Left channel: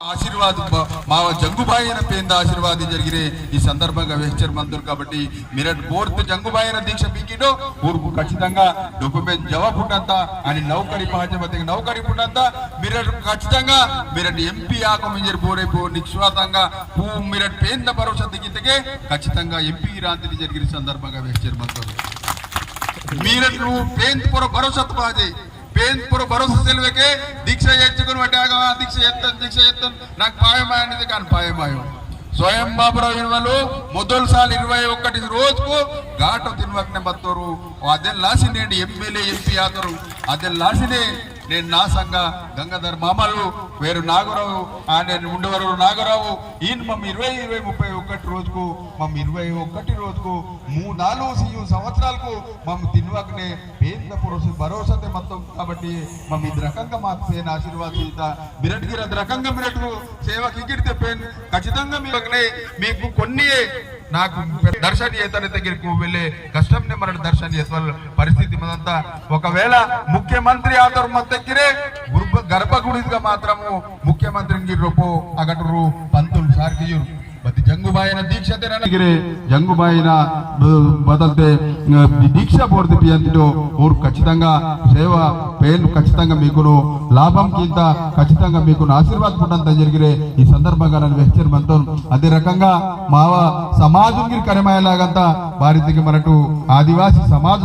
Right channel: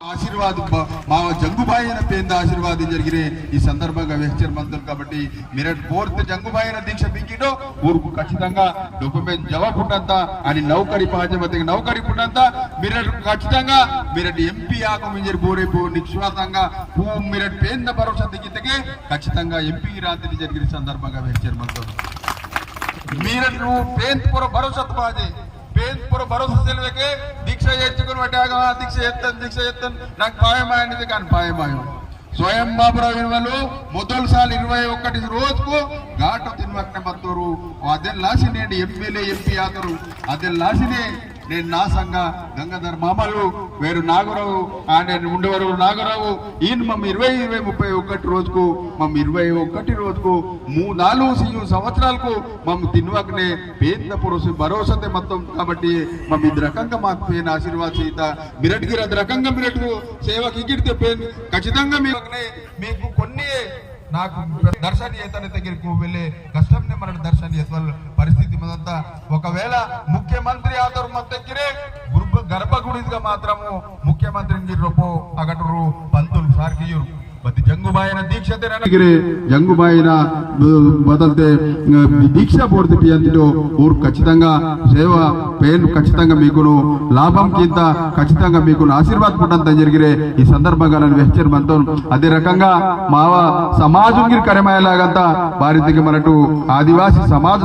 ఆశీర్వాद మా జంగుబాయిన పేద ఆశీర్వాదం జరిగిరే ఈ సందర్భంగా వెహ్చర్ మంత్రులు కాబట్టి మిరట్ కోర్త జంగుబాయిన దీక్ష పింకిటో ఊరుకు ఖచ్చితంగా డొక్యుమెంట్ జవాబు పుట్టంత అని నౌకరి పాజమతికి నౌకరి పుట్టంతా మీరట్ ఖచ్చితంగా మీరట్ ఎంపీ ఆకు మింజర్ బోరేపు నిశ్వాతంగా పూ మీరట్ పేంద భరోసా దిగితే ఖచ్చితంగా ఎంపీ రాత్రి జరిగిన సందర్భంగా వెహ్చర్ మంత్రులు మీరట్ నువ్వు పేంత్ పొర భరోసా పాజే పేద పొర భరోసా తెలివకే దీక్ష ఎచ్చుకుని పట్టాగా దీక్ష ఎత్తన్ దీక్ష ఎత్తన్ నాకు పాయమాయనిది కానీ పాయమాయం స్వయం బాబురావు విలువలు మొదలు సార్లు ఇరవై ఒకటి రోజుకు ఘాటు తినవకనే బత్తరు అదే లాసినే ఎమ్మెల్యే ఎంపీ ఆతరు. అదే లాసినే నేను నా సంఘ గంగాధర్ మామలు వేరు నాగరావు ఆయన ఉండేవారు నాగరావు. ఈయన మమ్మ ఇరవై ఇరవై ముప్పై ఒకటి రోజుకు మమ్మ ఇరవై ఒకటి రోజుకు మూడు నాలుగు సీయు సంవత్సరాలకు మమ్మ తిన్వకనే పేద పురుషు భరోసా మొత్తం. కాబట్టి మమ్మ ఇది రకంగా మాకు పేన్ ఆశీర్వాద సీత మిరట్కి అది రకంగా మిరట్కు సేవకి ఇగిడితే పేన్ ఖచ్చితంగా మీరు మీకు కొన్ని నాకు దర్శన చేతన దగ్గరికి వెళ్ళే కష్టం మన దర్శన వాళ్ళు పరిస్థితి మనంతా ఒకవేళ ముఖ్యమంత్రి ఆధార్ మన దగ్గరే గర్భ గర్భగుడిగా మాత్రము ముఖ్యమంత్రి రూపో అగటరు పంతులు సార్కియురు బతి జంగుబాయిన దీక్ష ತೆರಗಿರೆ జంగుబాయిన బదల్తే దీక్ష పూర్తి అంతటో ఊరు ఖచ్చితంగా సేవ పేరు ఖచ్చితంగా మీకును లాభం కింద ఖచ్చితంగా మీకు ఆశీర్వాద పుట్టంత జరిగిరే ఈ సందర్భంగా నన్ను వెచ్చర్ మనతో అదే రకంగా మావ సమాజం కరమయ్యేలాగంతా భారతీయ మనటు ఆదివాసీ సమాజం